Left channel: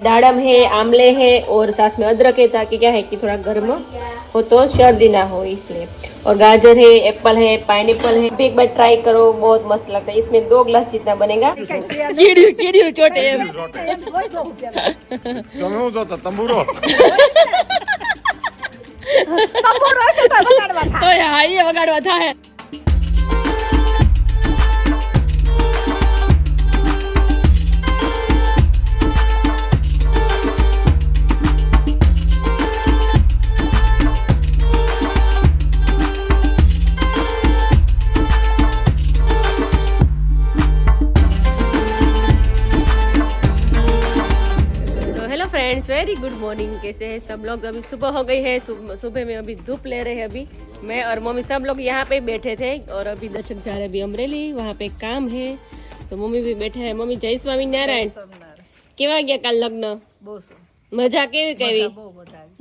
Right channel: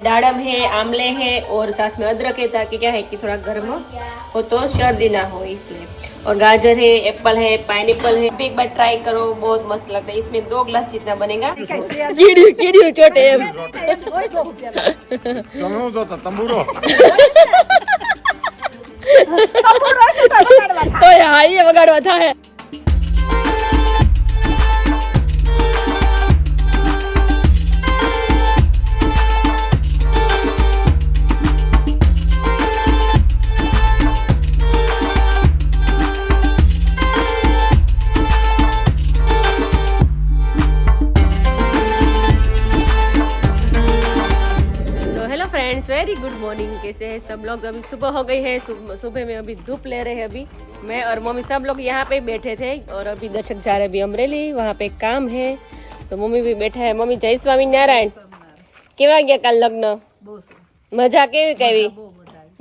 दाड़म है, आमले है और साथ में अदरक है ताकि क्या है कि थोड़ा गर्म हो तो सर्दी ना हो इसलिए। और गाजर है, एप्पल है, पाइनएप्पल है। भी एक बार ट्राई करो, बहुत मस्त लगता है। इसमें 2 गिलास जितना बनेगा। कीड़ियों छोटे तो यहाँ ये वगाड़वा था है। वेरी गुड मॉर्निंग, कैसे हैं सब लोग। अभी सुबह हो गई है, सुबह में अभी धूप ले रहे हैं। अभी मैं और मम्मी सब लोग यहाँ पे बैठे थे और अभी दर्शक जा रहे हैं अभी अमरेली, वहाँ पे काम है तो मम्मी भी बैठा है। मम्मी जय स्वामीनारायण। કેવા ગયા કાલ લગ્ન? મજા કેવી કેવી?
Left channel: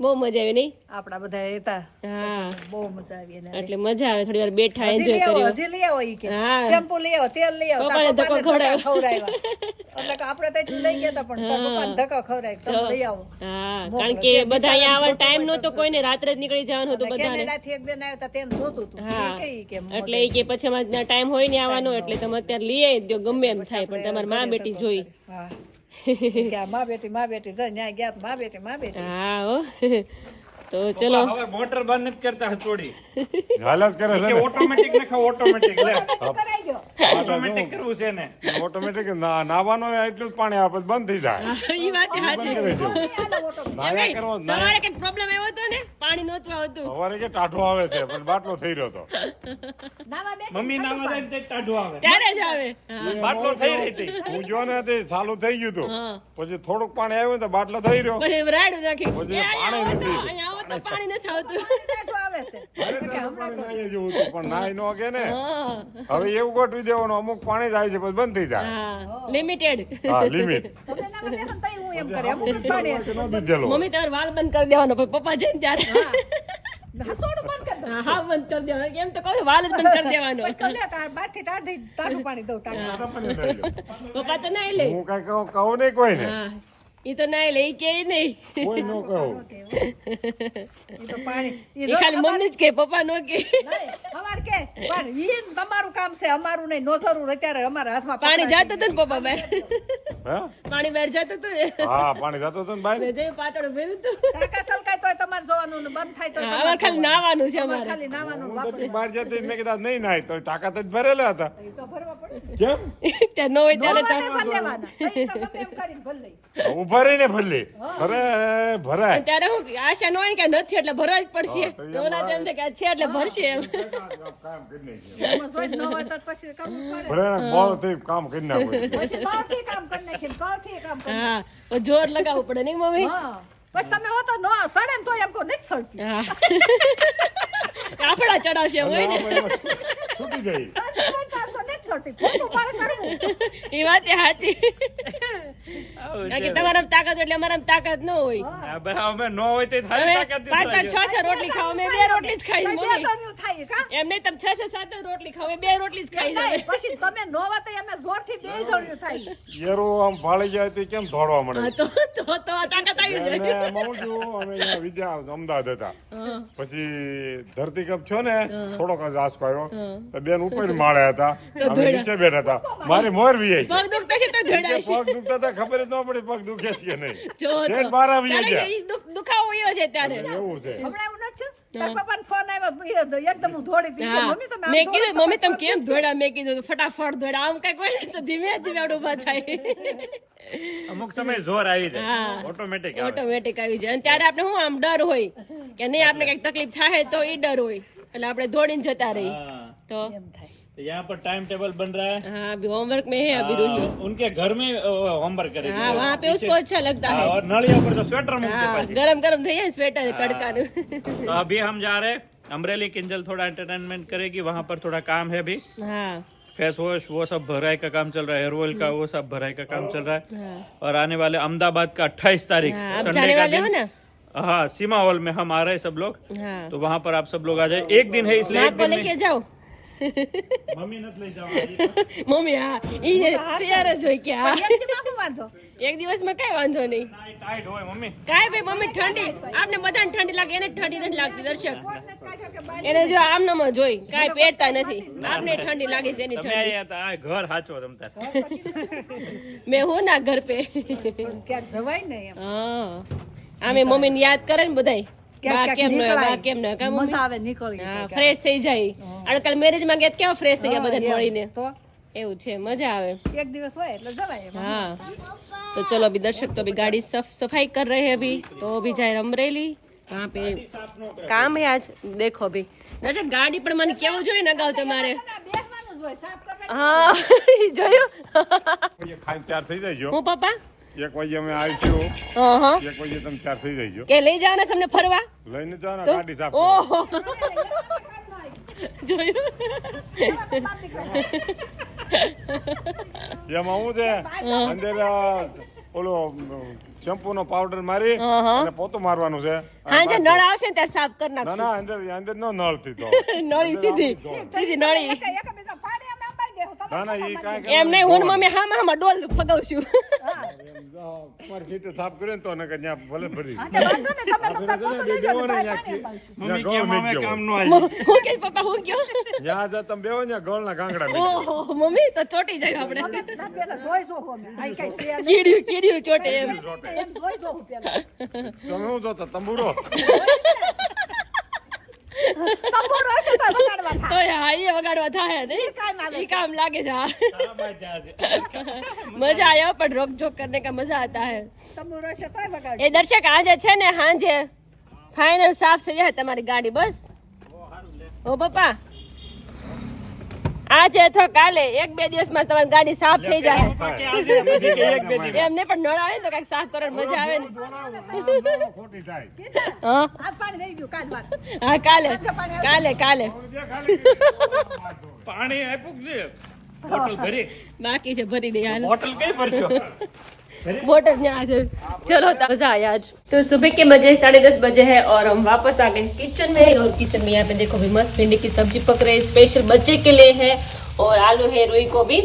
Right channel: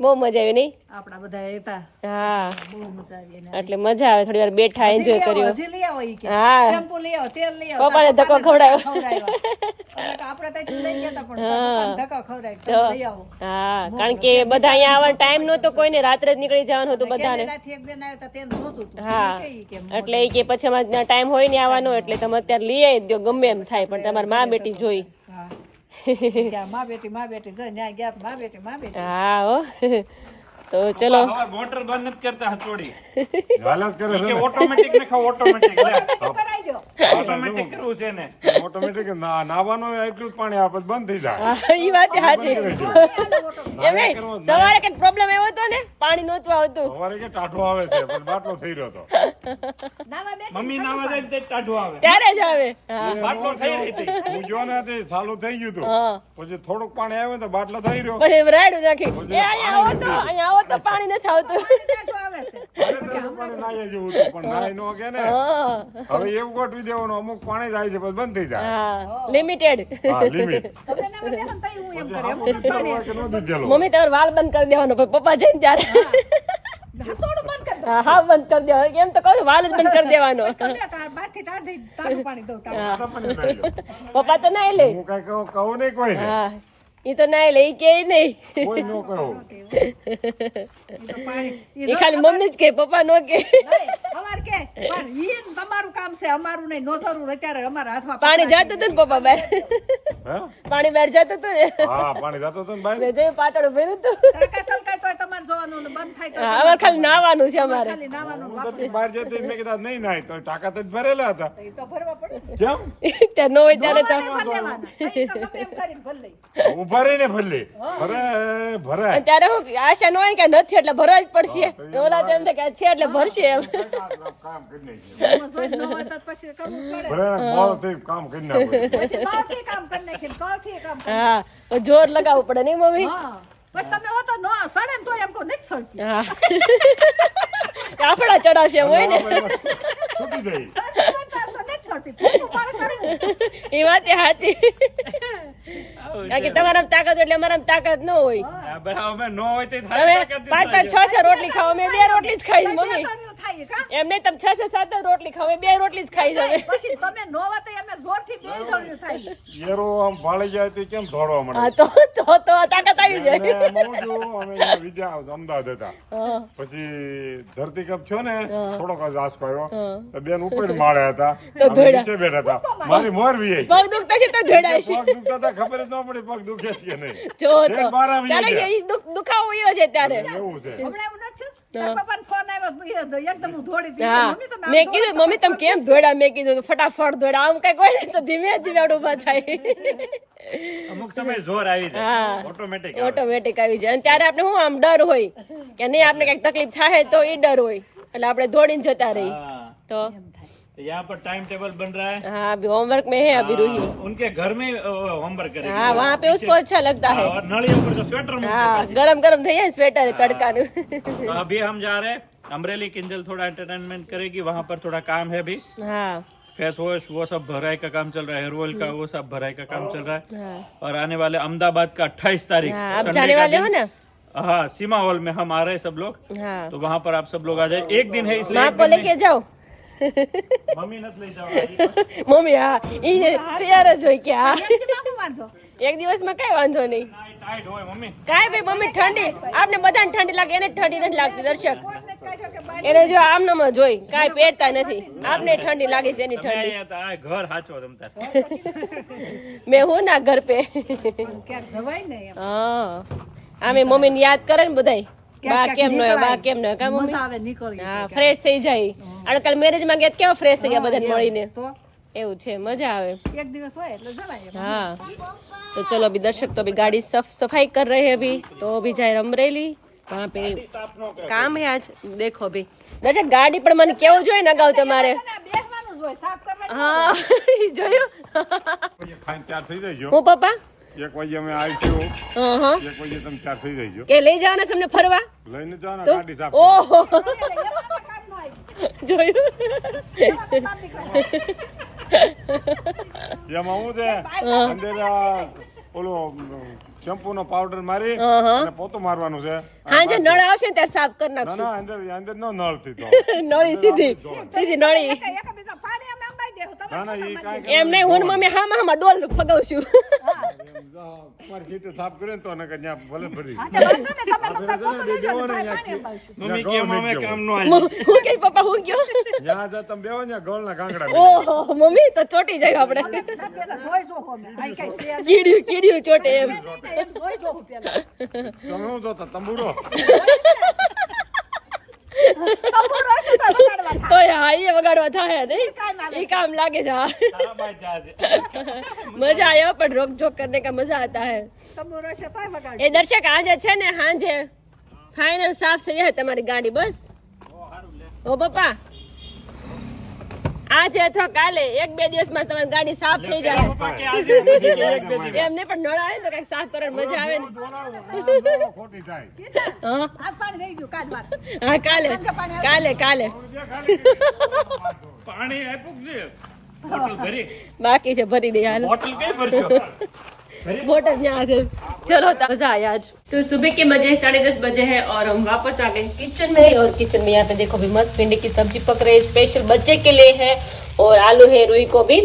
બહુ મજા આવી નહીં? આપડા બધા હતા હા, બહુ મજા આવી એને એટલે મજા આવે, થોડી વાર બેઠા એન્જોય કર્યો। હજી લઈ આવો ઈ કે હા, શેમ્પુ લઈ આવો, તેલ લઈ આવો, પપ્પાને ધક્કો ખવડાવ્યો। એટલે કે આપણે તો એટલું લઈ ગયા હતા પણ પપ્પાને ધક્કો ખવડાવ્યો, તમે લઈ આવો। હા, કારણ કે બધા અહીંયા આવવાનો ટાઈમ નહોતો કોઈને, રાત્રે જ નીકળી જવાનું હતું બધાને। કેનેડાથી એક બેન આવ્યા હતા તેને જોતું હતું હા, ઈ કે એટલે ઈ કે પછી અમારે ટાઈમ હોય ને આવવાનો, એટલે તમે અત્યારે લઈ આવી દો, ગમે એમ થાય, પણ તમારી માં બેટી જોઈ। હા કે માં બેટી જો ન્યા ગયા તો માં બેટી હા હો। तो चलो मोटर बंद नहीं करता हथौड़ी हालत करे के ऑटोमेटिक ने खाओ ऑटोमेटिक ले કરાઈજો ऑटोमेटिक करવું છે ને ઓટોમેટિક નાવાનો એટલું પાણી આપત બંધ થઈ જાય। ઈ વાત સાચી। સવારે કઈ પ્રોબ્લેમ આવ્યો હતો ને, પાણી નહોતું આવતું। સવારે કે ટાઢો આવે છે પણ બાટલો થઈ રહ્યો હતો। મમ્મી નાવા જાય તે ટાઢો આવે ત્યારે જ આવે। બાટલો થઈ રહી હતી હું જો ને તે ચાલુ થઈ ગયું હતું, પછી થોડુંક પાણી આવ્યું તો બાટલો થઈ રહ્યો, પછી રાડું નાખી પછી અહીંયા આવો તો પાણી નથી આવતું। આવે છે પાણી નાહી જેવું હતું પણ નાહી નો કે ને। હવે એવું ગોઠવી દેવાનું, અમુક પાણી જાય છે પછી બંધ થઈ જાય। હા, લિમિટેડ। હા, લિમિટ હું એમ કરે અમુક પાણી મમ્મી તમારે વાલ બંધ કરી દેવાનો, પછી પપ્પા જઈને ત્યારે હસોડું બંધ કરી હા હા બંધ કરી દેવાનો। એમ તો કહું વાલ જ બંધ કરી દેવાનો। દો બારથી તાજું પાણી દઉં પપ્પા તો ના લે। હું કઈ કહું નહીં કોઈને, હા, ઈ તો ના લે, ઈ કે નહીં। કોઈ નો કહું। પાણી ઈ ખાલી મમ્મી જ કે, પપ્પા નો કે। અમાર કે પણ ઈ તમારું કામ છે, અમારું નહીં, નો જરૂર અત્યારે અમારા હાથમાં પાણી જતું હતું ને પપ્પા બહાર, હે પાણી બહાર જતું હતું ને, હા પાણી જતો હતો ને ભાઈ, મેં જોયું પાટોળું ભર્યું હતું। કાકા સલકાય તોય તમારે જોવાનું ને બંધ થાય તો હા, અમારે ખાલી નાવાનું છે અમારે। ખાલી નાવાનું હું તો બહાર જતી મેં કીધા નહીં નાય તો ટાકા તો જ ભરેલા હતા। તો ભરવા પડે કેમ ત્યાં નો હોય ત્યારે તો ભર લેવાના અહીં તો ગમે એમ કરીને ભર લઈ ઉભા રહીને ભરલી ભરાય। અને ત્યારે હું આશા નો હોય કે નથી એટલે ભરવા જ પડશે, ઓલા તો એમ થાય કે છે એટલે ભરશે એમ। કામ કરી નાખ્યું એમાં જોઈ ન હોય તો પછી કરવું પડે ભરાય બહુ થઈ કામ કરી નાખ્યું। પછી કળથી કામ કરી નાખીને કળથી કામ કરી હા, તો જોર લગાવવું પડે નહીં મમ્મી? હા પછી તમે હો તો નો સડે ને તો એમ કહો નથી સડતી હા, કાફડા ચડાવશે હોય ને, છૂટી ગઈ। નથી સડતી ફૂટું પાડે કરવું એ વાત સાચી। કારણ કે તમારા તાકાત એટલે અમારા તાકાત ન હોય। બરાબર મેં નો હોય તે તમે થાળી તાકાત 5-5 6-6 રોટલી ખાઓ, મેં 2 રોટલી જ ખાઈ મમ્મી। બેસણિયું થાય કા એમ નહીં, તમે 6-7 રોટલી ખાઓ, 2 રોટલી જ ખાઈ જાવે। પછી તમે નો હોય તો અમે જોરથી બેસણિયું થાય યેરો આમ ફાળી જાય તો કેમ દોડવા મળે। હા, તો તાકાત આવી જાય। અને એમાં હું છું, અમે અહીંયા વિદ્યા અમદાવાદ હતા, પછી ધરતીકંપ થયો ને થોડોક જ આંચકો આવ્યો તો બેન ઉપર માળે હતા, અમે નીચે બેઠા હતા, મારી મોર વી આવી। પગ દુખતા છે તો ધોડાય છે। પગ દુખતા હતા ખબર જ ન પડી પગ દુખે છે કે નહીં, જો તો બેન બહાર આવી ત્યારે ગયા। ઈ દુખાવો ઈયો છે ત્યારે। એવું છે હમણાં એવું નથી તાર પપ્પાનો ફોન આવ્યો એકદમ હું દોડી હતી હા, મમ્મી તમે મેં કીધું મમ્મી તમે કેમ દોડ્યા? મેં કીધું ફટાફટ દોડ્યા, આમ કઈ કોઈ તો ધીમે ધીમે ઉભા થાય। અમુક સમય જોર આવી જાય હા, ઓટોમેટિક ઓટોમેટિક આવી જાય। અને ત્યારે આપણે શું આમ ડર હોય કે નહીં આપણે કઈક તકલીફ થાય તો એ ડર હોય, એટલે આપણે દોડીને જતા રહી। તો यहाँ पर टाइम टेबल बन रहा है। हाँ, अभी होमवर्क में है अभी रूही। उनके घर में होमवर्क करेगी। हाँ, वहाँ पे उसको अच्छा लगता है। और नलियों पर से स्वेटर हाँ, गरम गरम थे स्वेटर तड़का। तो अभी हम जा रहे हैं अमरेली। किंजल थोड़ा एंटरटेनमेंट करेगी, वहाँ पर थोड़ा काम है अभी। हाँ, फेस वॉश वो सब भराई का काम चल रहा है, हेयर ऑयल का वो सब भराई का काम चल रहा है। हाँ, और आने वाले अहमदाबाद का 28 तारीख हाँ, अब संडे जाने का वाले हो दिन, ना? हाँ सीमा हॉल में हम आ रहे हैं सब लोग। हाँ, तो वहाँ पर आप सब लोग आ जाए। एक दिन है इसलिए माँ एक को दिन लेके जाओ। મમ્મી નથી લઈ જવા મમ્મી હા ઈ તૈયાર જ હોય કે હા એમ કેમ આવું વાંધો? એક દિવસમાં કઈ વાંધો નહીં ટાઈટ હોય મમ્મી. કાંઈ ભાઈ મમ્મી ઠંડી આપને બધાને ઠંડી લાગે એને ઠંડી નથી લાગતી દર્શક કોઈને કાઢ્યો કે બાય એને જો આમનામ જ હોય કાંઈ પહેરતા નથી આપને ઠંડી લાગે છે એની તમે ઠંડી અહીંયા તો આ ઘર હાચો તમતાર. મેં હું ના ઘર પે ક્યાંક જવાય ને એમ. હા આમે મમ્મીને યાદ કરે ને બધાય બા ક્યાંક કેમ ન હોય, બા નીકળાય. કેમ ન હોય, કા મમ્મી મજા આવે નીકળી હા ફ્રેશ થઈ જાય આજકાલ મેરેજમાં ગયા તો કેવા ફ્રેશ થઈ ગયા બધાને મળીને તો એવું છે મજા આવે એક દિવસ હોય એટલે જવાય એમ. हाँ तो चलो अभी दर्शक तो अभी गाड़ी सफाई कर रहे हैं अभी तो अभी जाए अमरेली वहाँ पे काम है आज देखो अभी दर्शक गाड़ी पर મને કેવું જોઈએ ને અગાઉ તમારે બેસવાનું જ હોય, સાફ કરવાનું. હા જોયું એ ખાઈને ત્યાર થઈ જઈજો. હું પપ્પા 1 વાગે અમે આવીશું. હા હા 1 વાગે તમે ત્યાર થઈ જઈજો. કે લઈ જવાના તમને ફરવા લઈને જાઓ ને તો ગાડી સાફ કરો. ઓહો જોયું એમાં હું છે અંદર ઓલો શેમ્પુ નો પાવડર મારી હા, હા. અને પોતું મારવાનું છે. હા જે નળ આવશે ને ત્યારે સાફ કરી ના નાખશું ના અંદર નો નળ થી તો નળી સીધી નળી એકબીજા પાણી અમે અંબાઈ દેવું. તમે ના ના ઈ કાંઈ એમ નહીં હું ને મમ્મી હા ડોલ ફગાવશું તમારી સીટે સાફ કર્યો ને તો નકર ત્યાં ભલે ભરી તે વાંધો ને, તમે લોકો પોતું લેજો ને, બેવો ને પાણી ત્યાં અંબાઈશું. મમ્મી કે મમ્મી કામ નો હું કે પપ્પા હું કયો જ્યાં જા તમે બેવો ને ગોળ ના કાંકડા ઓહો મમ્મી તો ચોટી જાય આપણે ના, પેલા સોય સોખો અમે. આઈ કાંઈ છે નહીં. કીડ્યું ચોટે એમ એમ સોય સોખું પેલા. તમે શું જોતા તંબુરો તંબુરો હશે તો વગાડવા થાય. તો હા એ વગાડવા થાય નહીં કામ આવે એ કામ લાગે છે હા તારાભાઈ ત્યાં છે. મજા આયા પણ રોક જોક करने का मजा आता है તંબુરો હશે તોય વગાડ. એ દર્શક આજે છે ને હાંજે ફાઇનલ સાફ થઈ જાય તમારી ગાડી બસ ઓ પપ્પા આજે અથવા કાલે 1-2 દિવસમાં તમારી ગાડી સાફ થઈ જાય પપ્પા કે આજે નથી કે એક બે દિવસ. એમને પણ નળ આવે ને તો કઈક સાફ કરવાની મજા આવે ને ખોટી થાય હા આજ પાણી રહી ગયું, કાલ વાત. હા કાલે કાલે પાણી આપ્યું કે નહીં? બોટલ ભરી બાકી છે भरी दे हाल બોટલ કઈ ભરશો? बोटल यहाँ से चलो मजा आया आज तो सुबह के बजे 10:30 बजे है और हम वापस आ गए किचन में और किचन में यहाँ पे देखो भी मस्त भिंडी की सब्जी पक रही है स्पेशल बच्चे के लिए है और आलू है रुई को भी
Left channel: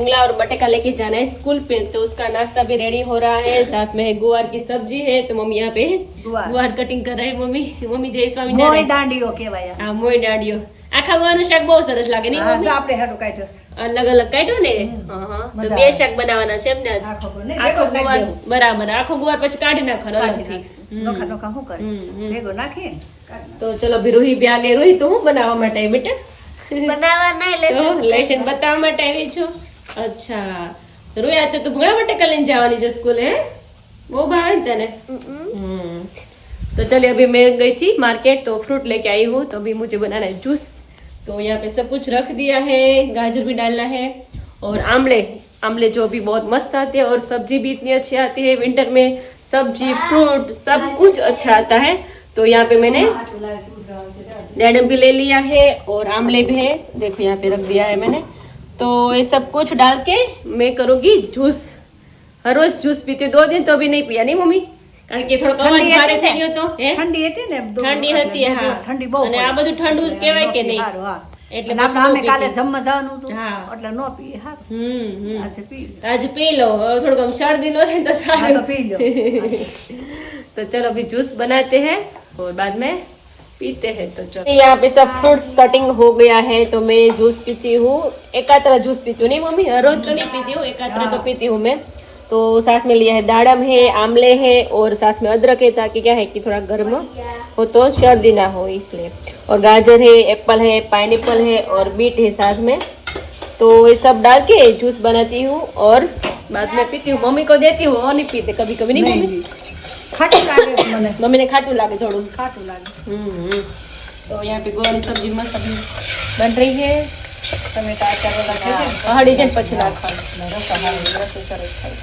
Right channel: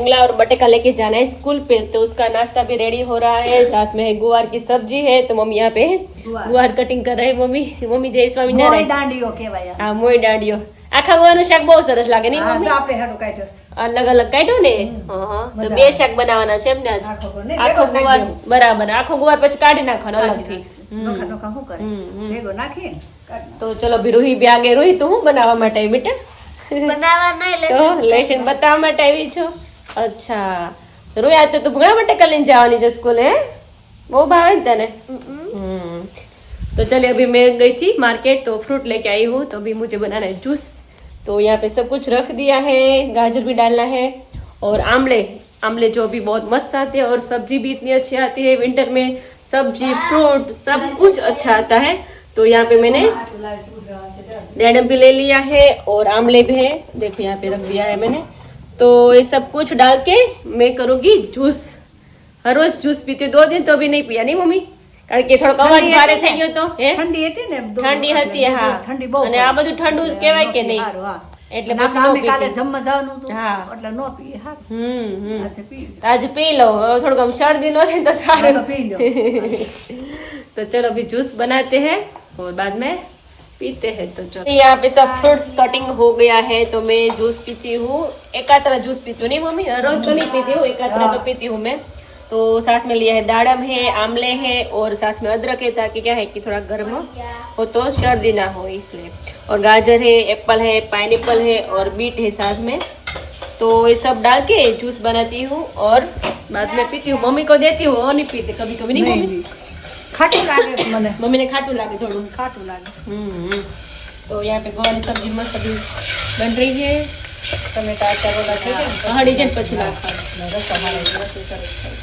उंगला और बटेका लेके जाना है स्कूल पे तो उसका नाश्ता भी रेडी हो रहा है साथ में है गुवार की सब्जी है तो मम्मी यहाँ पे गुवार कटिंग कर रहे हैं मम्मी जय મોય स्वामी દાંડીઓ કહેવાય આ. हाँ मोई डांडियो આખા ગુવાનું શાક બહુ સરસ લાગે નહીં હા, મમ્મી જો આપણે હેઠું કાઢ્યો છે. અલગ અલગ કાઢ્યો ને હા હા તો મજા બે આવે. શાક બનાવવાના છે એમ ને આજ આખો ગો નહીં, આખો ભેગો જ નાખી ગુવાર બરાબર આખો ગુવાર પછી કાઢી નાખવાનો કાઢી અલગથી નાખીશું. નોખા નોખા શું કરે? ભેગો નાખીને કાઢી તો ચલો ભી રૂહી બી આગે રૂહી તું હું બનાવવા માટે આવી બેટા તો લેશન બતાવવા માટે આવી છો અચ્છા રૂહી આ તો તું ઘણા માટે કલીને જવાની છે સ્કૂલ હે બહુ ભાવે ને તને तो चलिए अभी मैं गई थी मार्केट तो फ्रूट लेके आई हूँ तो अभी मुझे बनाना है जूस तो यहाँ पे सब कुछ रख दिया है गाजर भी डालना है और आमले जो भी बहुत मस्त आते हैं और सब्जी भी इतनी अच्छी आती है विंटर में सब्जी फ्रूट सब कुछ अच्छा आता है तो यहाँ पे मैंने डेडम भी ले लिया है और आमले भी है देखो यहाँ पे रख दिया है मैंने तो ये सब कुछ डाल के मैं करूँगी जूस हर रोज जूस पीती हूँ 2 दिन तो अभी नहीं पिया नहीं मम्मी કારણ કે થોડોક અવાજ ભારે થઈ ગયો તો હે ઠંડી હતી ને ઠંડી હતી હા ઠંડી બહુ અને આ બધું ઠંડુ કહેવાય કે નહીં સારું, હા. એટલે અને પછી આપણે ન કાલે પીતી. જમવા જવાનું હતું હા. એટલે નો પીએ હારું. આજે પી લો. आज पी लो और थोड़ा कम सर्दी नो थे तो હા, सारे તો પી લો. तो चलो अभी जूस बनाते हैं और बाद में पीते हैं तो चलो यहाँ पे सब फ्रूट्स कटिंग हो गया है तो मैं जूस पीती हूँ एकात्रा जूस पीती हूँ नहीं मम्मी हर रोज तो नहीं पीती हूँ एकात्रा तो पीती हूँ मैं तो साथ में लिया है दाड़म है आमले है और साथ में अदरक है ताकि क्या है कि थोड़ा गर्म हो तो सर्दी ना हो इसलिए और गाजर है एप्पल है पाइनएप्पल है और बीट है साथ में तो ये सब डाल के जूस बनाती हूँ और बाद में पीती हूँ मम्मी को देती हूँ और नहीं पीते कभी कभी नहीं मम्मी ખાટું લાગે છે મને मम्मी ने खाटू लागे थोड़ू ખાટું લાગે तो यहाँ पे गोवानी सब्जी मस्त अभी बन रही है ટમેટા અચાર બધા થઈ ગયા ને? हड़ी जन પછી નાખવાનું રસા હારે રસોઈ સરસ થાય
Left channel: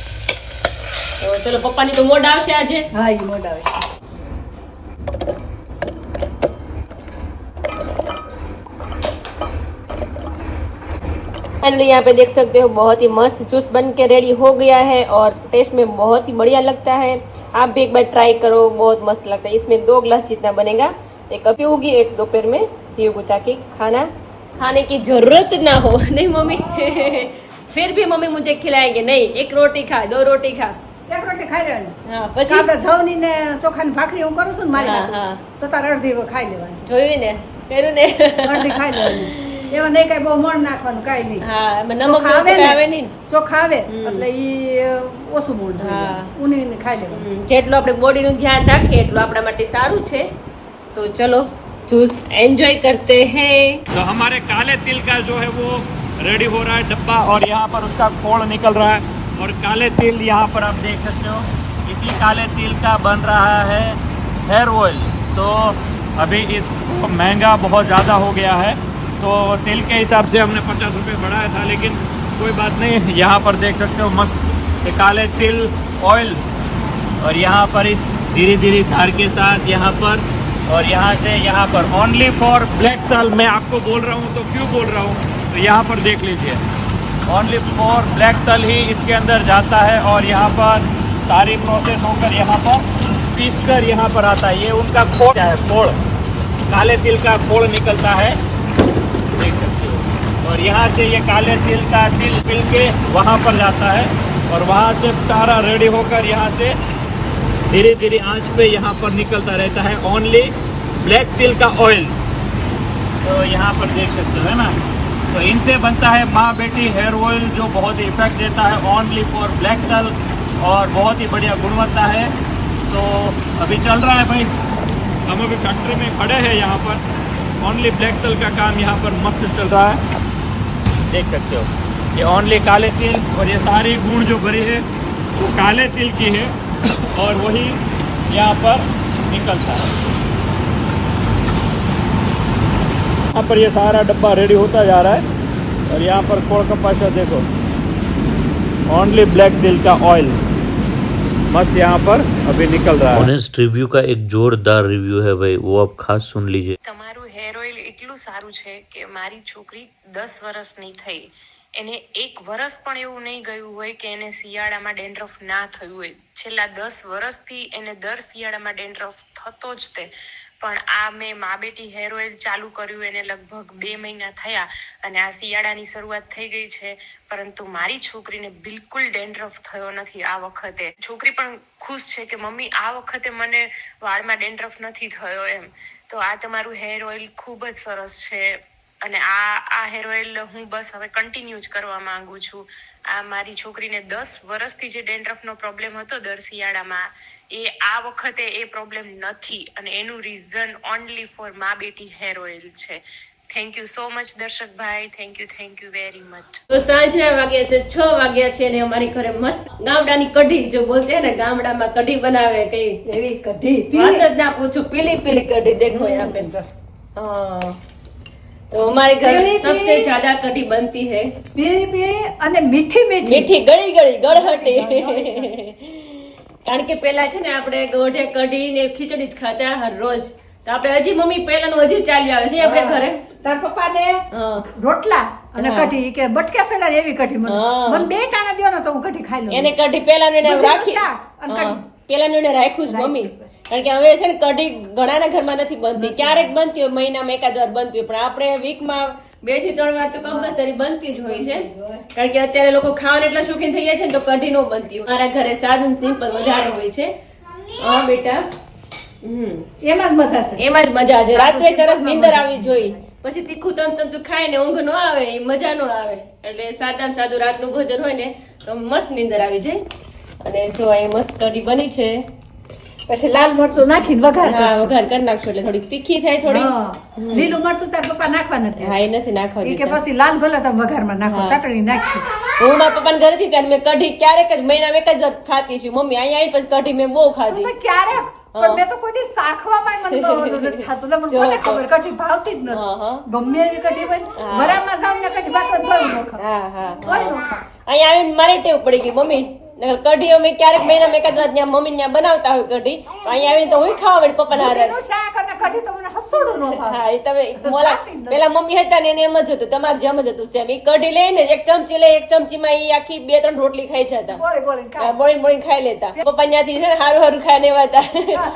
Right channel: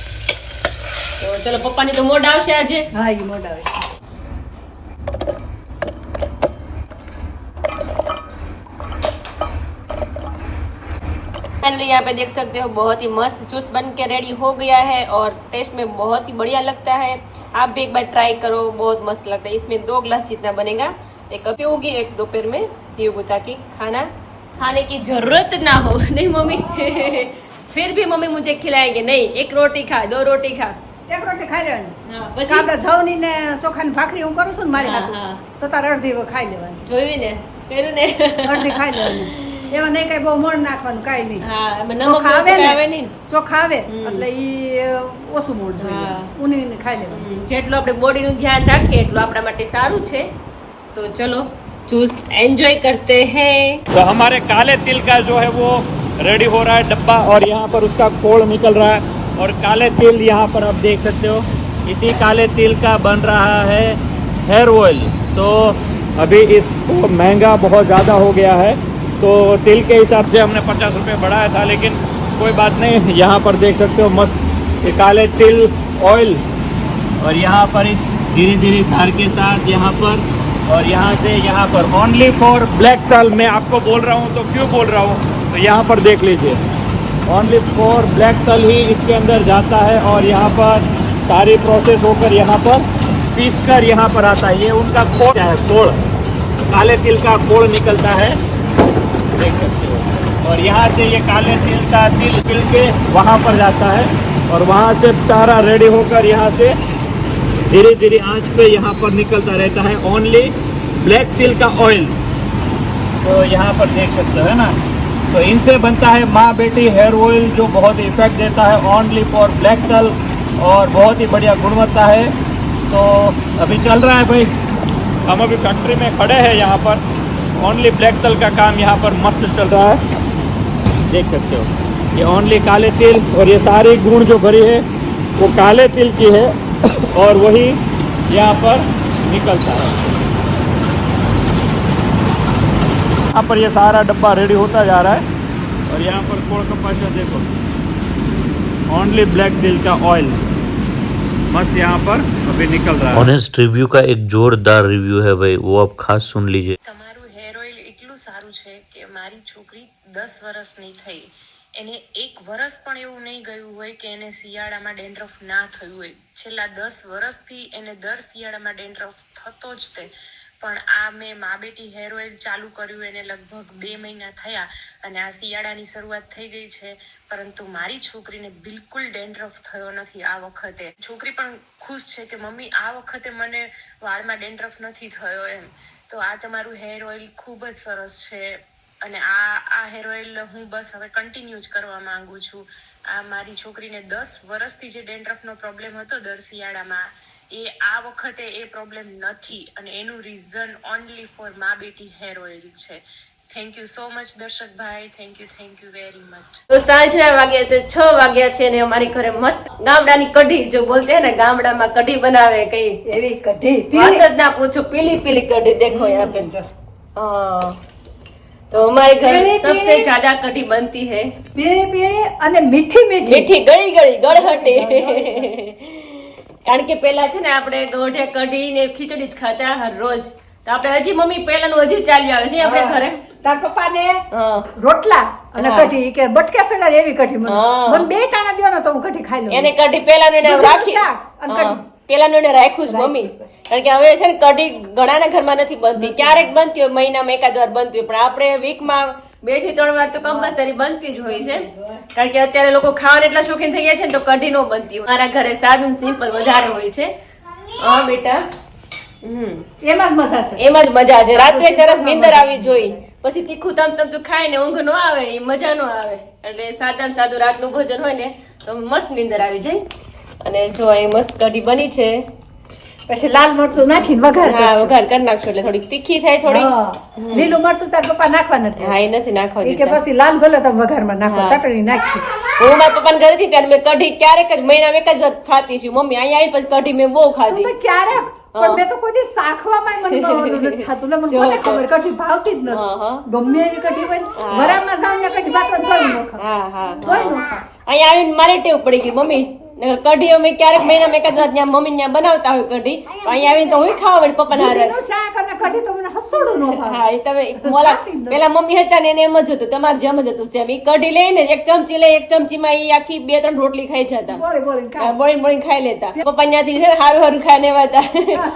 તો ચલો પપ્પાની તો મોઢ આવશે આજે હા એ મોઢ આવે છે. फाइनली यहाँ पे देख सकते हो बहुत ही मस्त जूस बन के रेडी हो गया है और टेस्ट में बहुत ही बढ़िया लगता है आप भी एक बार ट्राई करो बहुत मस्त लगता है इसमें 2 ग्लास जितना बनेगा एक अब पीऊंगी एक दोपहर में पीऊंगी ताकि खाना खाने की जरूरत ना हो नहीं मम्मी फिर भी मम्मी मुझे खिलाएंगे नहीं एक रोटी खा 2 रोटी खा એક રોટી ખાઈ લેવાની હા પછી પછી આપણે જવની ને ચોખાની ભાખરી હું કરું છું ને મારી હા, હાથું. હા. તો તારે અડધી ખાઈ લેવાની જોયું ને કર્યું ને અડધી ખાઈ લેવાની એમાં નહીં કઈ બહુ મોણ નાખવાનું કાંઈ નહીં હા એમાં નમક ચોખા આવે આવે ને નહીં ચોખા આવે એટલે ઈ ઓછું મોણ જોઈએ હા. ઉની ખાઈ લેવાનું જેટલું આપણે બોડીનું ધ્યાન રાખીએ એટલું આપણા માટે સારું છે તો ચલો जूस एंजॉय करते हैं। तो हमारे काले तिल का जो है वो रेडी हो रहा है डब्बा और यहाँ पर उसका खोल निकल रहा है और काले तिल यहाँ पर आप देख सकते हो इसी काले तिल का बन रहा है हेयर ऑयल। तो अभी इसको महंगा बहुत ज़्यादा हो गया है तो तिल के हिसाब से हमने 50 रुपये बढ़ाया था लेकिन कोई बात नहीं। यहाँ पर देख सकते हो मस्त ये काले तिल ऑयल और यहाँ पर इस धीरे धीरे धार के साथ यहाँ पर और यहाँ से यहाँ पर ओनली फॉर ब्लैक तल। मैं आपको बोल रहा हूँ तो क्यों बोल रहा हूँ तो यहाँ पर देख लीजिए ओनली फॉर ब्लैक तल ही इसके अंदर जाता है और यहाँ पर सारी प्रोसेस होकर यहाँ पर पीस कर यहाँ पर आता है। ये उनका खोल है खोल काले तिल का खोल निकलता है और यहाँ से ये काले तिल का तिल तिल के वहाँ पर जाता है और वहाँ से सारा रेडी होकर यहाँ से धीरे धीरे आंच पे यहाँ पर निकलता रहता है ओनली ब्लैक तिल का ऑयल। तो यहाँ पर देख सकते हो ना तो इनसे बनता है माँ बेटी हेयर ऑयल जो बहुत इफेक्ट देता है ओनली फॉर ब्लैक तल और बहुत ही बढ़िया गुणवत्ता है। तो अभी चल रहा है भाई हम अभी फैक्ट्री में खड़े हैं यहाँ पर ओनली ब्लैक तल का काम यहाँ पर मस्त चल रहा है देख सकते हो। ये ओनली काले तिल और ये सारी गुण जो भरी है वो काले तिल की है और वही यहाँ पर निकलता है। यहाँ पर ये सारा डब्बा रेडी होता जा रहा है और यहाँ पर कोल कपासा देखो ओनली ब्लैक तिल का ऑयल मस्त यहाँ पर अभी निकल रहा है। ऑनेस्ट रिव्यू का एक जोरदार रिव्यू है भाई वो आप खास सुन लीजिए। તમારું હેર ઓઇલ એટલું સારું છે કે મારી છોકરી 10 વર્ષની થઈ એને એક વર્ષ પણ એવું નહીં ગયું હોય કે એને શિયાળામાં ડેન્ડ્રફ ના થયું હોય। છેલ્લા 10 વર્ષથી એને દર શિયાળામાં ડેન્ડ્રફ થતો જ તે પણ આ મેં મા બેટી હેર ઓઇલ ચાલુ કર્યું એને લગભગ 2 મહિના થયા અને આ શિયાળાની શરૂઆત થઈ ગઈ છે પરંતુ મારી છોકરીને બિલકુલ ડેન્ડ્રફ થયો નથી આ વખતે। છોકરી પણ ખુશ છે કે મમ્મી આ વખતે મને વાળમાં ડેન્ડ્રફ નથી થયો એમ। તો આ તમારું હેર ઓઇલ ખૂબ જ સરસ છે અને આ હેર ઓઇલ હું બસ હવે કન્ટિન્યુ જ કરવા માંગુ છું। આ મારી છોકરીને 10 વર્ષથી જે ડેન્ડ્રફનો પ્રોબ્લેમ હતો દર શિયાળામાં એ આ વખતે એ પ્રોબ્લેમ નથી અને એનું રીઝન ઓનલી ફોર મા બેટી હેર ઓઇલ છે। થેન્ક યુ સો મચ દર્શક ભાઈ થેન્ક યુ વેરી મચ। તો સાંજના વાગ્યા છે 6 વાગ્યા છે ને અમારી ઘરે મસ્ત ગામડાની કઢી જો બોલते हैं ना ગામડામાં કઢી બનાવે કઈ એવી કઢી વાત જ ના પૂછો पीली पीली कढ़ी देखो यहाँ पे। हाँ तो हमारे घर सबसे ज्यादा कढ़ी बनती है પીળી પીળી અને મીઠી મીઠી મીઠી ગળી ગળી ગળહટી કારણ કે પેલા છે ને આપણે ગોઢે કઢી ને ખીચડી જ ખાતા હર રોજ તો આપણે હજી મમ્મી પેલાનું હજી ચાલ્યું આવે છે આપણે ઘરે। તાર પપ્પાને હા રોટલા અને હા. કઢી કે બટકા સડા એવી કઢી મને હા. મને 2 ટાણા દ્યો ને તો હું કઢી ખાઈ લઉં। એને કઢી પેલાનું એને દૂધીનું રાખી શાક અને કઢી. પેલાનું એને રાખ્યું જ મમ્મી કારણ કે હવે છે ને કઢી ઘણાના ઘરમાં નથી બનતી ક્યારેક બનતી હોય મહિનામાં એકાદ વાર બનતી હોય પણ આપણે વીકમાં 2 થી 3 વાર તો કમ્પલસરી બનતી જ હોય છે કારણ કે અત્યારે લોકો ખાવાના એટલા શોખીન થઈ ગયા છે ને તો કઢી નો બનતી હોય મારા ઘરે સાદું સિમ્પલ વધારે હોય છે। હા બેટા એમાં જ મજા છે। એમાં જ મજા છે રાત્રે સરસ નીંદર આવી જોઈ પછી તીખું તમ ખાય ને ઊંઘ ન આવે એ મજા ન આવે એટલે સાદામાં સાદું રાતનું ભોજન હોય ને તો મસ્ત નીંદર આવી જાય। અને જો એ મસ્ત કઢી બની છે પછી લાલ મરચું નાખીને વઘાર હા કરશું। વઘાર કરી નાખશું એટલે થોડીક તીખી થાય થોડી હા. લીલું મરચું તાર પપ્પા નાખવા નથી હા એ નથી નાખવા એ કે દીધા પછી લાલ ભલે તમે વઘારમાં નાખો હા. ચટણી નાખી હું મારા પપ્પાને ઘરે હતી ત્યારે મેં કઢી ક્યારેક જ મહિનામાં એક જ વાર ખાતી છું મમ્મી અહીંયા આવીને પછી કઢી મેં બહુ તું ખાધી તો ક્યારેક પણ મેં તો કોઈ દી શાખવામાં મને ભાવવાનું નથી થતું ને મને કોને ખબર કઢી ભાવતી જ હા, નથી હા. ગમે એવી કઢી હોય ને વરાળમાં જાઉં ને કઢી ભાતવા તોય ન ખાવ હા હા તોય ન ખાવ અહીંયા આવીને મારે ટેવ પડી ગઈ મમ્મી નકર કઢી અમે ક્યારેક મહિનામાં એક જ વાર ત્યાં મમ્મી ત્યાં બનાવતા હોય કઢી અહીંયા આવીને તો હું ખાવા વળી પપ્પાના હાથે દૂધીનું શાક અને કઢી તો મને હસોડું ન ભાવે હા એ તમે બોલા પેલા મમ્મી હતા ને એને એમ જ હતું તમારે જેમ જ હતું સેમ ઈ કઢી લઈને એક ચમચી લઈ એક ચમચીમાં ઈ આખી 2-3 રોટલી ખાઈ જતા બોળી બોલીને ખાય બોળી બોળી ખાઈ લેતા પપ્પા ત્યાંથી છે ને હારું હારું ખાઈને આવ્યા હતા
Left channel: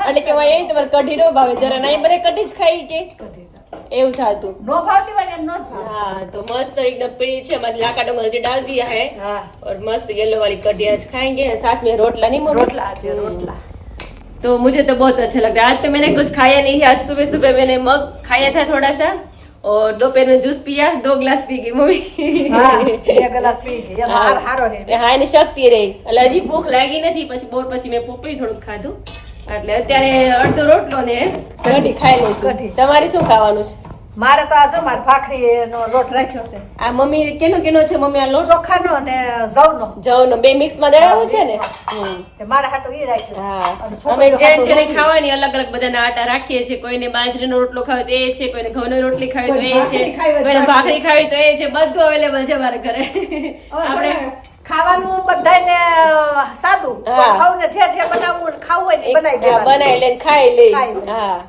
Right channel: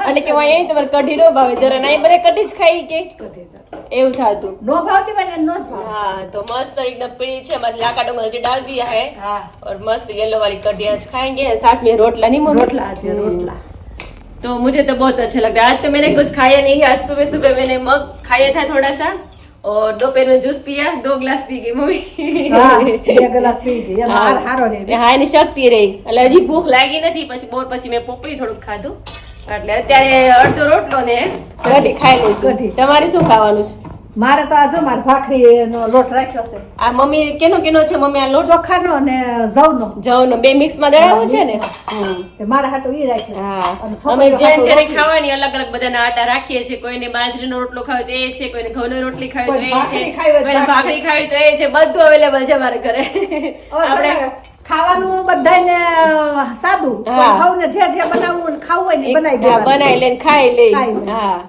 એટલે કે અહીંયા તમારે કઢી નો ભાવે જરા ના બધે કઢી જ ખાઈ કે કઢી તો. એવું થતું નો ભાવતી હોય ને નો જ ભાવે. हाँ तो मस्त एकदम पीली है मतलब लाका डोंगर के डाल दिया है हाँ और मस्त येलो वाली कढ़ी आज खाएंगे साथ में रोटला नहीं मम्मी रोटला છે रोटला. तो मुझे तो बहुत अच्छा लगता है आज तो मैंने कुछ खाया नहीं आज सुबह सुबह मैंने मग खाया था थोड़ा सा और दोपहर में जूस पिया 2 ग्लास पी गई मम्मी હા 2 ગ્લાસ પી ગઈ એનો હાર હારો રહે. હા એની શક્તિ રહી એટલે હજી ભૂખ લાગી નથી પછી બોર પછી મેં પોપડી થોડુંક ખાધું એટલે અત્યારે અડધો રોટલો ને કઢી ખાઈ લઈશું કઢી. તમારે શું ખાવાનું છે મારે તો આ જો મારે ભાખરીનો લોટ રાખ્યો છે આ મમ્મી કેનો છે મમ્મી આ લોટ ચોખાનો અને જવનો. જવનો બે મિક્સ માં દળાવો છે ને તે મારા હાટુ ઈ રાખ્યો. હા અને અમે છોકરીઓ જેને જેને ખાવાની અલગ અલગ બધાના આટા રાખીએ છીએ કોઈને બાજરીનો રોટલો ખાવે તો એ છે કોઈને ઘઉંની રોટલી ખાવી તો એ છે ભાખરી ખાવી હોય તો કોઈને ભાખરી ખાવી તો એ છે બધું અવેલેબલ છે અમારે ઘરે આપણે ખાવાનું બધાને સાદું હા. ખાવું ને જે બનાવવું ને ખાવું હોય ને ઈ બનાવી દેવાનું. બનાવી લે ખાઈ લે ખાઈ લે. હા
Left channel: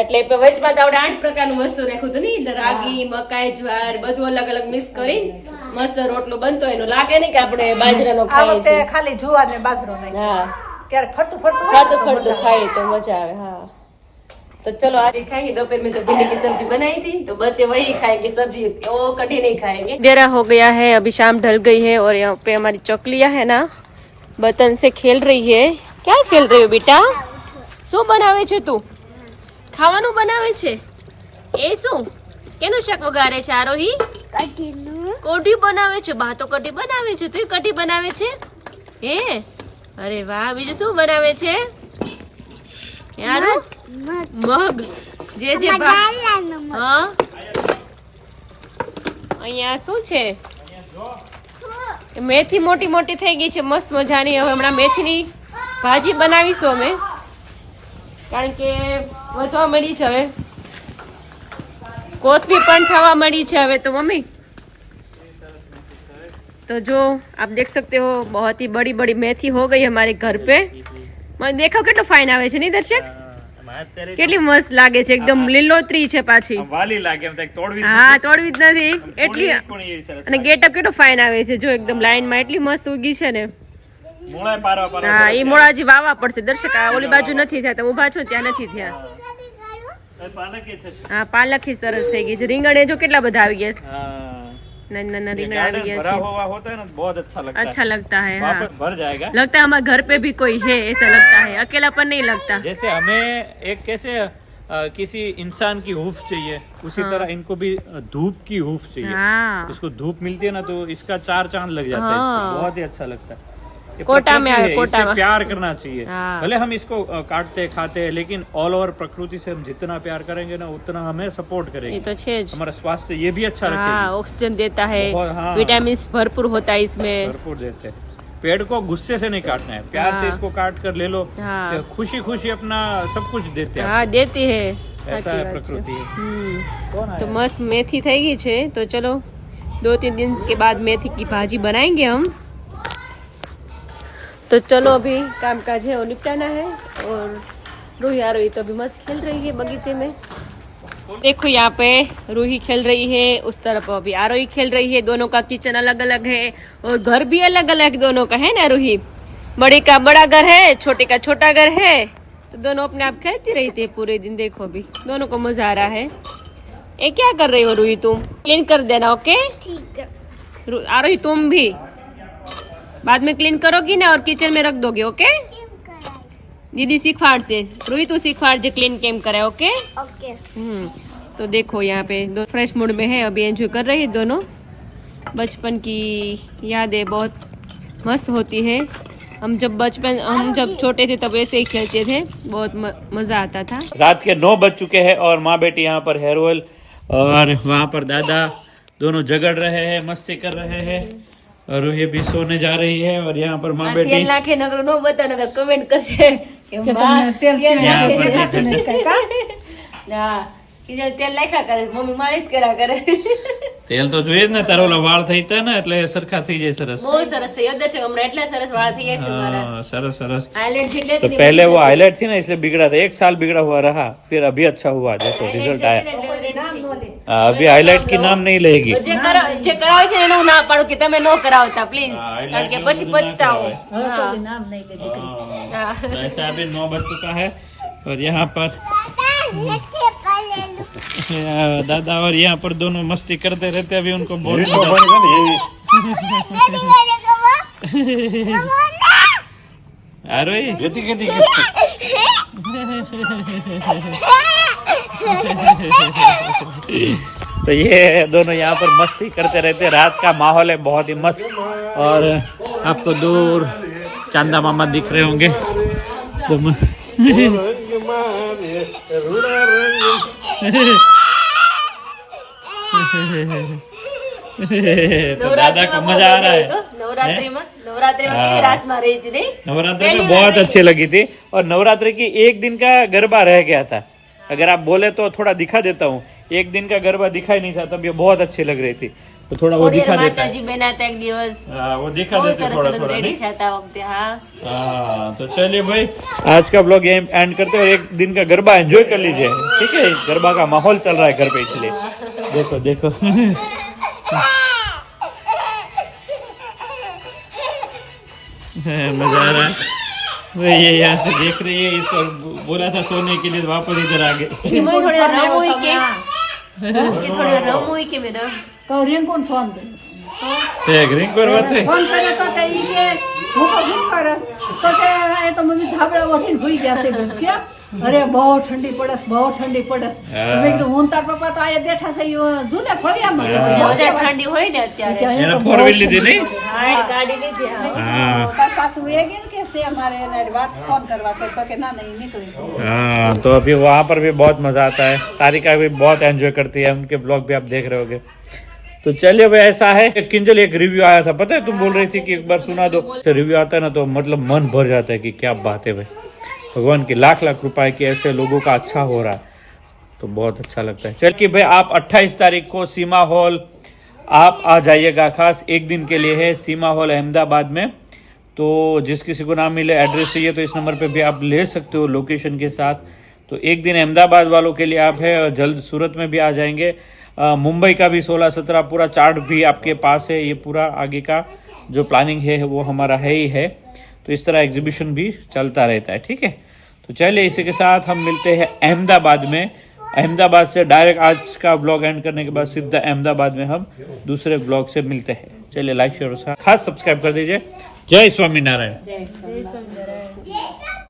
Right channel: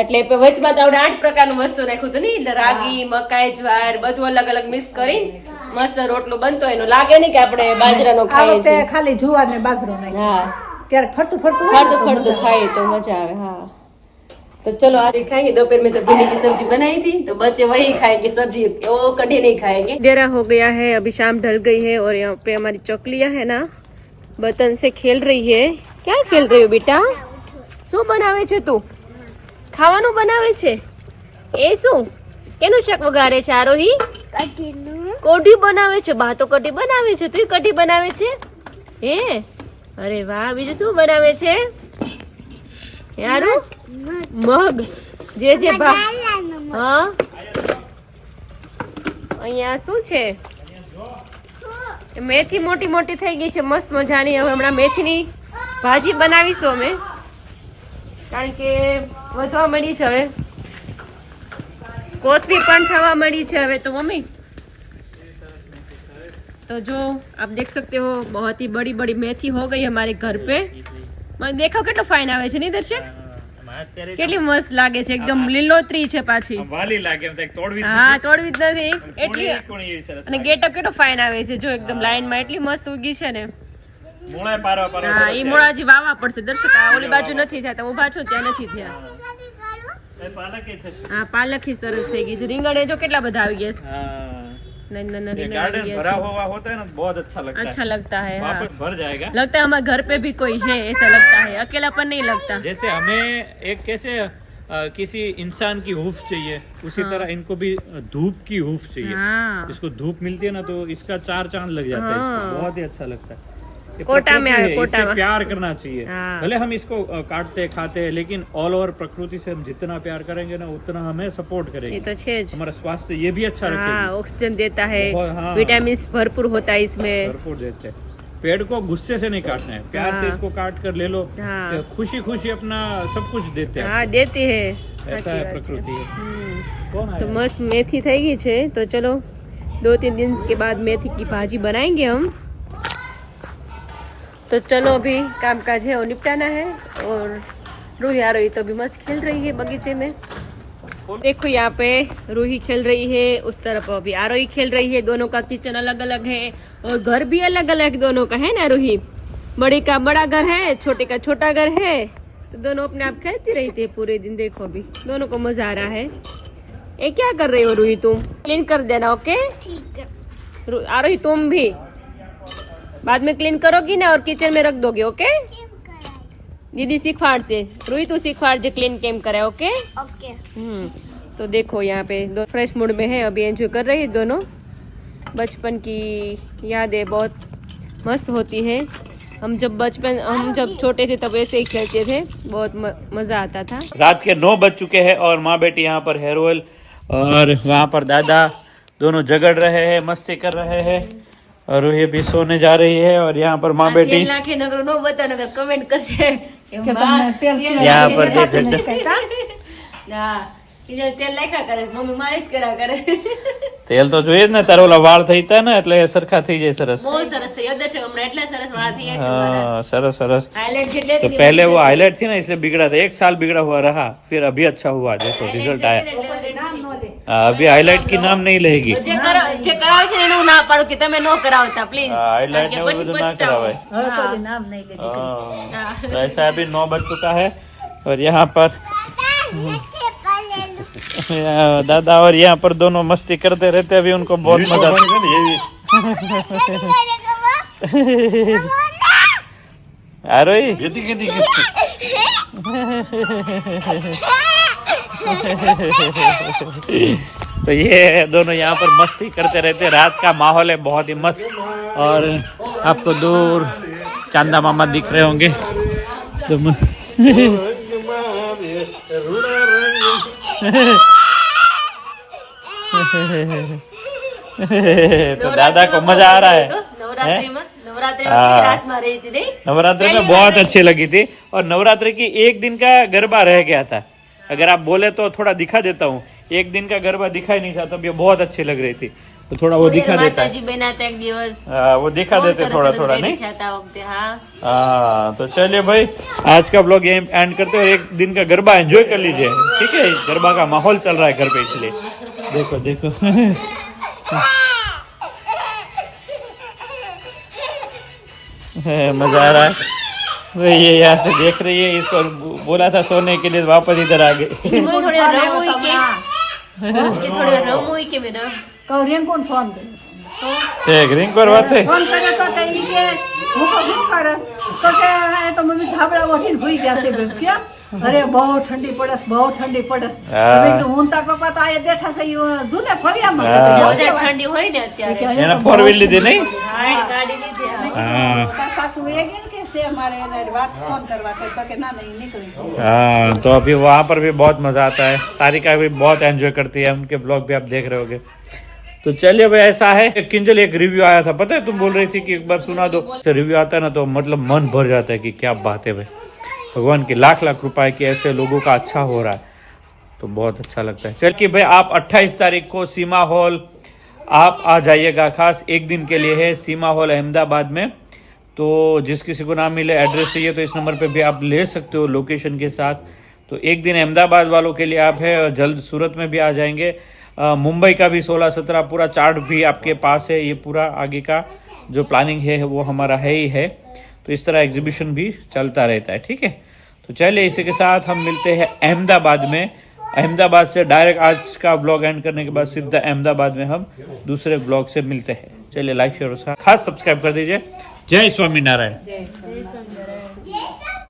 એટલે વચમાં તો આપણે 8 પ્રકારનું વસ્તુ રાખ્યું હતું ને એટલે રાગી મકાઈ જ્વાર બધું અલગ અલગ મિક્સ કરીને મસ્ત રોટલો બનતો એનો લાગે નહીં કે આપણે બાજરાનો આ ખાઈએ વખતે છીએ ખાલી જુવાર ને બાજરો નાખ્યો. હા ક્યારેક ફરતું ફરતું હોય ને તો फटू મજા આવે. खाए तो मजा आवे हाँ तो चलो आज खाएंगे दोपहर में तो भिंडी की सब्जी बनाई थी तो बच्चे वही खाएंगे सब्जी वो कढ़ी नहीं खाएंगे अंधेरा हो गया है अभी शाम ढल गई है और यहाँ पे हमारी चौकलियाँ है ना बर्तन से खेल रही है क्या खेल रही हो बेटा શું બનાવે છે તું ખાવાનું બનાવે છે એ શું કેનું શાક વઘારે છે આરોહી કઢી બનાવે છે બા તો કઢી બનાવે છે તું કઢી બનાવે છે હે અરે વાહ બીજું શું બનાવે છે યારું મગ જે હા અહીંયા શું છે મેથી મોટી મોટી થઈ ગઈ છે મસ્ત મજાની હવે હમણાં મેથીની ભાજી બનાવીશું અમે કારણ કે વધવા મળી છે હવે કોથમીર પણ થવા મળી છે હવે તો મમ્મી तो जो आप देख सकते हो बहुत ही बड़ी बड़ी मेथी हो गई हमारे घर पे मैं देखो કેટલો ફાઇન આવે છે નહીં દર્શક કેટલી મસ્ત લાગે છે એકદમ લીલોતરી છે પાછી વાલી લાગે એમ તો તોડવી હા તોડવી જ નથી એટલી કોણી એવી સરસ અને ગેટઅપ કેટલો ફાઇન આવે છે જો એકદમ લાઈન માં એટલી મસ્ત ઉગી છે ને મૂળા પારવા પારવા હા સરસ એ છે. મોળાજી વાવા પડશે દર્શક આ ઓલી બાજુ નથી થયા તો ઊભા છો ત્યાં નથી થયા એ પાલક એ થશે. હા પાલક સરસ થઈ ગઈ છે રીંગણ એ જો કેટલા બધા આવી ગયા हाँ, નાના નાના ये રીંગણ આવી गार्डन ગયા भरा છે हुआ होता है ना बहुत अच्छा लगता है अच्छा लगता है हाँ वापस भर जाएगा लगता है हमारे घर पे भी कोई है ऐसा लगता है अकेलापन नहीं लगता जैसे हमें एक कैसे किसी इंसान की हूफ चाहिए उसी तरह इनको भी धूप की हूफ चाहिए हाँ इसको धूप मिलती है ना तो इसका 4 चांद लग जाता है हाँ। इसको बहुत ही अच्छा लगता है ये कोटा में प्रकृति आए, है, कोटा इससे में। प्यार करना चाहिए हाँ। भले हम इसको काटते खाते हैं लेकिन ऑल ओवर प्रकृति से हम जितना प्यार करेंगे ना उतना हमें सपोर्ट ये करेंगे तो है ज। हमारा स्वास्थ्य ये भी अच्छा हाँ रखेगी ऑक्सीजन देता है बहुत, हाँ। विटामिन भरपूर होता है इसमें भरपूर देते हैं पेड़ को गुस्से से नहीं काटना है प्यार से हाँ। इसको काट कर ले लो हाँ। खुशी खुशी अपना सब कुछ देते हैं हाँ देती है ऐसा साची है बात प्रकृति है हम्म। कौन तो है मस्त मेथी થઈ ગઈ છે तो चलो 2-3 दिन के बाद मेथी की भाजी बनाएंगे हम तो चलो अभी काम काज है वो निपटाना है और रूही आ रही तो अभी मस्त खेल रही है बगीचे में देखो यहाँ पे रूही खेल रही है उस तरफ अभी आरोही खेल रही है दोनों का किचन अलग अलग है और घर भी अलग अलग दोनों का है ना रूही बड़े का बड़ा घर है छोटे का छोटा घर है तो दोनों अपने आप खेलती रहती है पूरे दिन देखो अभी दोनों को मजा आ रहा है ये क्या कर रही हो रूही तुम क्लीन कर देना ओके ठीक है आरोही तुम भी बाद में क्लीन करोगी ना और किचन में रख दोगे ओके दीदी सिखवाड़ से रूही तू सिखवाड़ जे क्लीन केम करे ओके ओके तो देखो यहाँ पे दो फ्रेश मूड में है अभी एंजॉय कर रही है दोनों बचपन की यादें बहुत मस्त होती है हम जब छोटे थे तब ऐसे ही खेलते थे बहुत मजा आता था रात के 9 बज चुके हैं और माँ बेटी यहाँ पर हेयर ऑयल और वहाँ पर दादा दोनों झगड़ रहे हैं मस्ती कर रहे हैं और ये भी सोने जा रही है और यहाँ पर माँ बेटी नाखे नगर नो बता नगर कमेंट करશે કે यहाँ पर હા તેલ નાખ્યા કરે મમ્મી માલિશ કર્યા કરે તેલ તો જોઈએ જ ને તારા ઓલા વાળ થઈ હતા ને એટલે એ સરખા થઈ જાય સરસ બહુ સરસ થઈ દર્શક હમણાં એટલા સરસ વાળા થઈ ગયા છે મારા हाँ, सरस सरस હાઇલાઇટ જેટલે तो पहले वो हाईलाइट थी ना इसलिए बिगड़ा था 1 साल बिगड़ा हुआ रहा फिर अभी अच्छा हुआ देखो रिजल्ट आया हाँ, अभी हाईलाइट की नाम नहीं लेगी જે કરાવે છે એનું ના પાડું કે તમે નો કરાવતા પ્લીઝ કારણ કે પછી પછતાવો હવે કોઈ નામ નહીં લે દીકરી. હા तो ऐसा अभी 9 बज चुका है और यहाँ पर दादा और यहाँ पर दोनों मस्ती करते रहते, अभी उनको बहुत ये तो मजा बनेगा ना, ये आ रही। खेती खेती तो ये दोनों यहाँ पर मस्ती करते रहते, रात का माहौल है बहुत ही मस्त, और आपको दूर चांदा मामा दिख रहे होंगे। तो तो दादा को मजा आ रहा है। नवरात्रि में केवी रासમાં રહી હતી નહીં? नवरात्रि में बहुत अच्छी लगी थी, और नवरात्रि की एक दिन का गरबा रह गया था। अगर आप बोले तो थोड़ा दिखा देता हूँ। एक दिन का गरबा दिखाई नहीं था, तब ये बहुत अच्छी लग रही थी, तो थोड़ा वो दिखा देता है। માતાજી બેનાતા એક દિવસ वो दिखा બહુ देते સરસ थोड़ा સરસ थोड़ा રેડી नहीं। થયા હતા આ વખતે. હા हाँ तो चलिए भाई, आज का ब्लॉग यहीं एंड करते हैं, और एक दिन का गरबा एंजॉय कर लीजिए, ठीक है। गरबा का माहौल चल रहा है घर पे, इसलिए देखो देखो। मजा आ रहा है। भाई ये यहाँ से देख रही है, इसको बोला था सोने के लिए, वापस इधर आ गए। એમાં થોડી વાર રમવું હોય કે થોડી વાર રમવું હોય કે બેના તો રેંકોન ફોન દે एक रिंग पर बात है। ફોન કરે તો કઈ કે હું તો શું કરસ તો કે એ તો મને ધાબળા વઠીને ભૂઈ ગયા છે બેન કે અરે બહુ ઠંડી પડસ હા. તમે કીધું હું તાર પપ્પા તો આયા બેઠા છે જૂને ફળિયામાં કે ભાઈ વધારે ઠંડી હોય ને અત્યારે એના फोर व्हील લીધી नहीं? ગાડી લીધી. હા. हाँ તાર સાસુ એ કેમ કે છે મારે એને વાત ફોન કરવા તો કે ના નહીં નીકળી हाँ, तो अभी वहाँ पर भी बहुत मजा आता है। सारिका भी बहुत एंजॉय करती है, उनके ब्लॉग भी आप देख रहे होगे। तो चलिए भाई, ऐसा है किंजल एक रिव्यू आया था, पता है तुम बोल रही थी कि एक बार सुना दो। रिव्यू आता है ना तो मतलब मन भर जाता है कि क्या बात है भाई, भगवान की लाख लाख रुपए है कि ऐसे लोगों का अच्छा हो रहा है, तो बहुत अच्छा लगता है। चल कि भाई आप 28 तारीख को सीमा हॉल आप आ जाइएगा, खास एक दिन के लिए है सीमा हॉल अहमदाबाद में। तो जिस किसी को ना मिले एड्रेस चाहिए तो इस नंबर पे भी आप ले सकते हो लोकेशन के साथ। तो एक दिन अहमदाबाद वालों के लिए आप है, और जल्द सूरत में भी आ जाएंगे। मुंबई का भी 16-17 पूरा चार्ट भी आपके पास है। ये पूरा आगे का जो प्लानिंग है वो हमारा है ही है। तो इस तरह एग्जीबिशन भी चलता रहता है, ठीक है। तो चलिए इसी के साथ हम मिलते हैं अहमदाबाद में। अहमदाबाद से डायरेक्ट आज का ब्लॉग एंड करने के बाद सीधा अहमदाबाद में हम दूसरे ब्लॉग से मिलते हैं। चलिए लाइक शेयर और खास सब्सक्राइब कर दीजिए। जय स्वामीनारायण। જય સ્વામિનારાયણ.